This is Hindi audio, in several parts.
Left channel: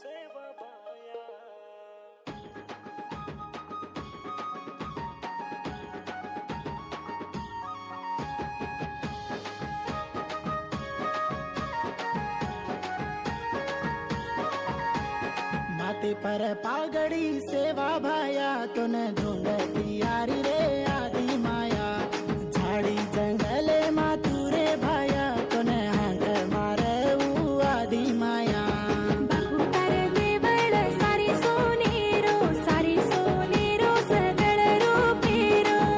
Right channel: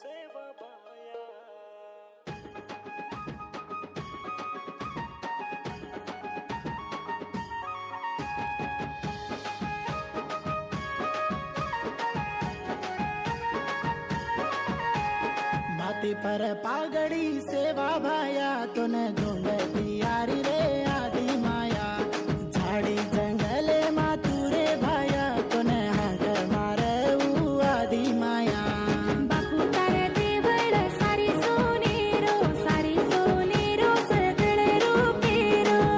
सेवा बाया माथे पर पागड़ी सेवा भाया तूने ढूंढती यारी रे आदि माया झाड़ी जंगले मातुरे भाया तूने हाक मारे ऊ आदि माया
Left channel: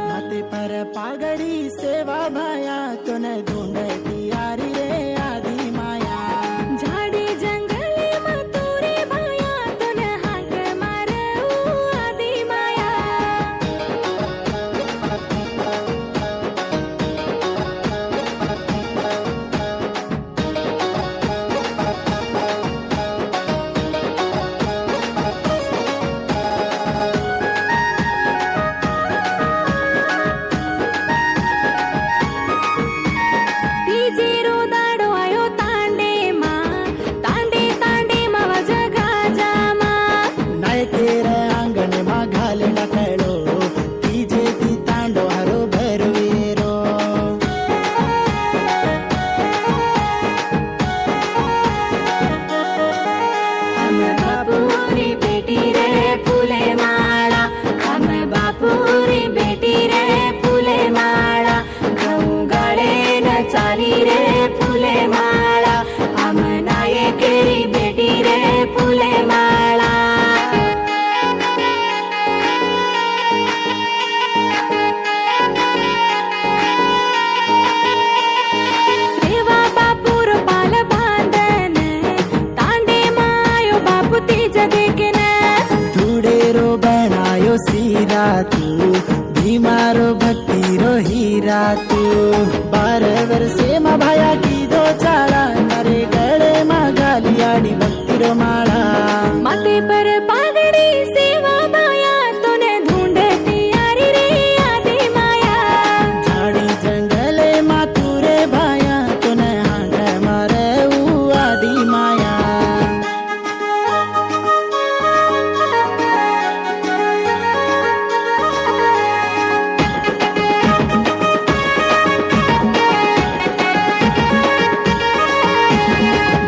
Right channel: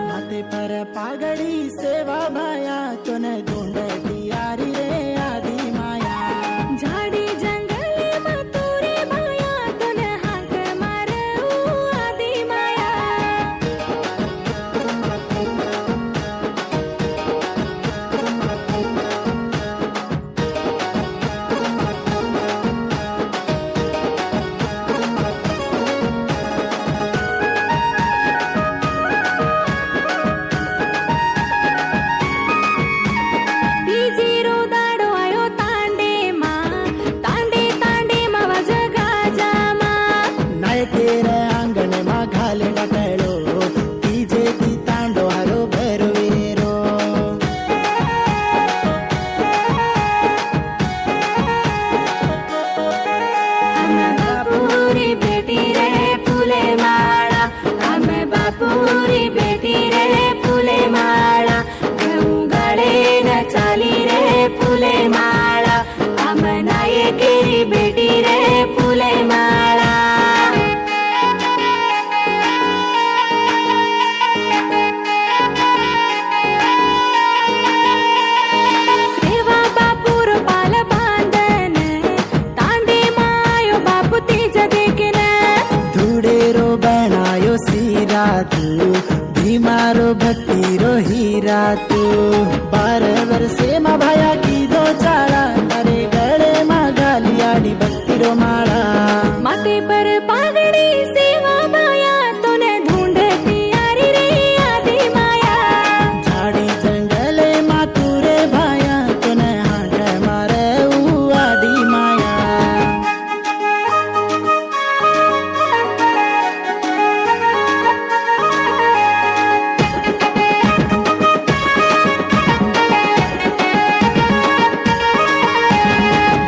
माथे पर पागड़ी सेवा भाया तूने ढूंढती यारी रे आदि माया झाड़ी जंगले मातुरे भाया तूने हाक मारे ऊ आदि माया तीजेरो दाडो आयो तांडे मा वजगा जामा नायकेर अंगण मा घाले डकळो तीजे ती तांडो हरो भरवेरो बापूरी बेटी रे फुले माळा हम बापूरी बेटी रे फुले माळा गऊ गळे न चाली रे फुले माळा हम नायकेरी बेटी रे फुले माळा सेवा बापूर पाल बांधन तांडे मायो बापू तीज देखन धुडेरो बनायो सीरा तू भीमारो भक्तिरो हीरा तू 12 वर्षे मा भाया की दो चाळा तारे गळे मा घाली आडी भक्तिरो माळा माथे पर पागड़ी सेवा बाया तूने ढूंढती यारी रे आदि माया झाड़ी जंगले मातुरे भाया तूने हाक मारे ऊ आदि माया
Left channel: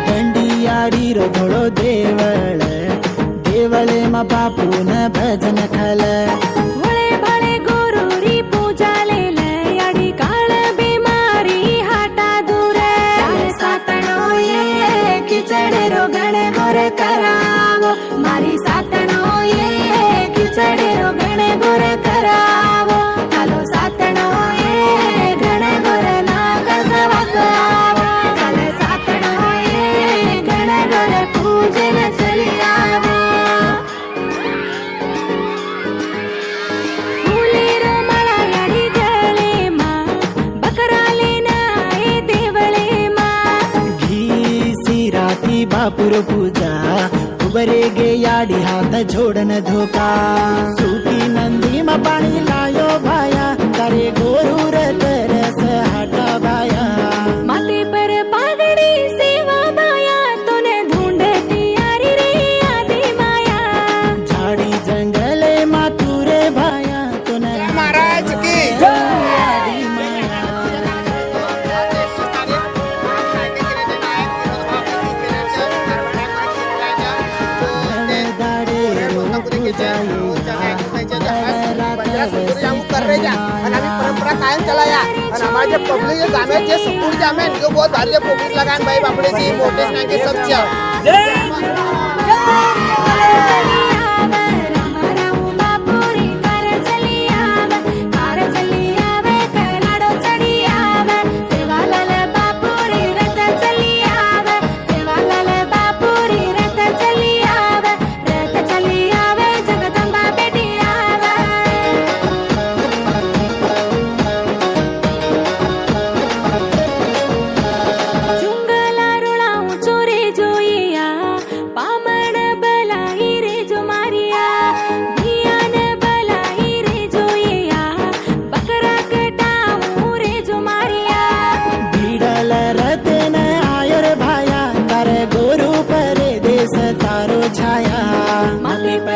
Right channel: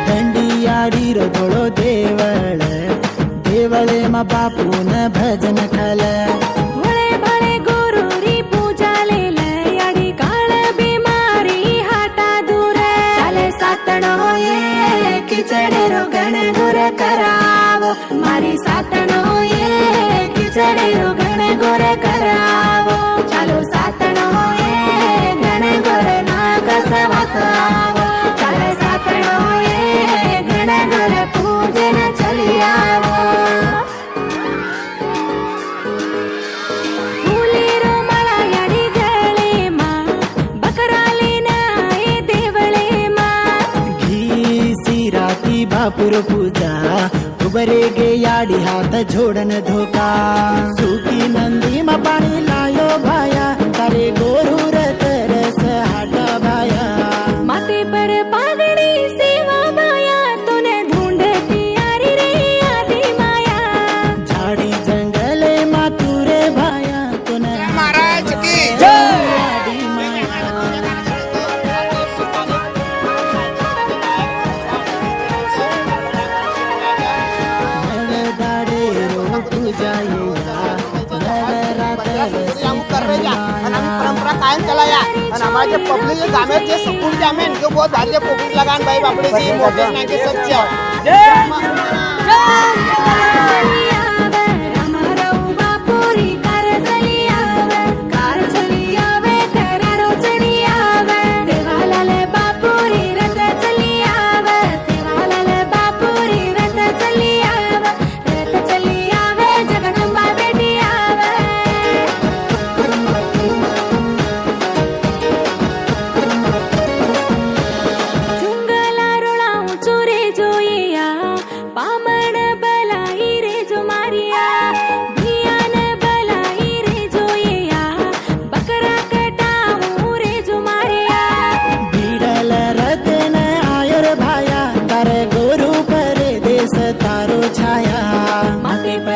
दंडियाडीरो धोळो देवळे मा बापून भजन खल भोळे भाळे गुरुरी पूजा लेल याडी काळ बीमारी हाटा दूर सातणो ये खिचडे रो गणे गोर करावो मारी सातणो ये खिचडे रो गणे गोर करावो चालो सातणो ये गणे गोर नाग सवासावो चाले सातणो ये गणे गोर पूजन चली आवो फुलेरो मला याडी गळे मा बकराले नाये देवळे मा घी सिराती बापुर पूजा उबरे गे याडी हात जोडन धोका सुकी नंदी मा पाणी लायो भाया तारे गोरूर तरस हाटा भाया माथे पर पागड़ी सेवा बाया तूने ढूंढती यारी रे आदि माया झाड़ी जंगले मातुरे भाया तूने महाराज की आडी माया नवदाडे रो पूजा येया नवरात्र परंपरा कायम चलाया हमारे पब्लिक गामे जे सुकून जामे इनको बहुत भारी पब्लिक लगान भाई बापड़े जी मोटे ना के सत्य बापूरी कार चली आवे करारो चढ़ी आवे सेवालाल बापूरी रथ चली आवे सेवालाल बापूरी रथ चली आवे जगदंबा बेटी आवे चुंगला रुळाऊ चोरे जोइया पामण बलाई रे जो मारिया भियान बलाई रे जोइया बकरा कटाऊ रे जो मारिया बीडल रतन आयर भाया तारे गोरू पर दे केस तारो छाया माथे पर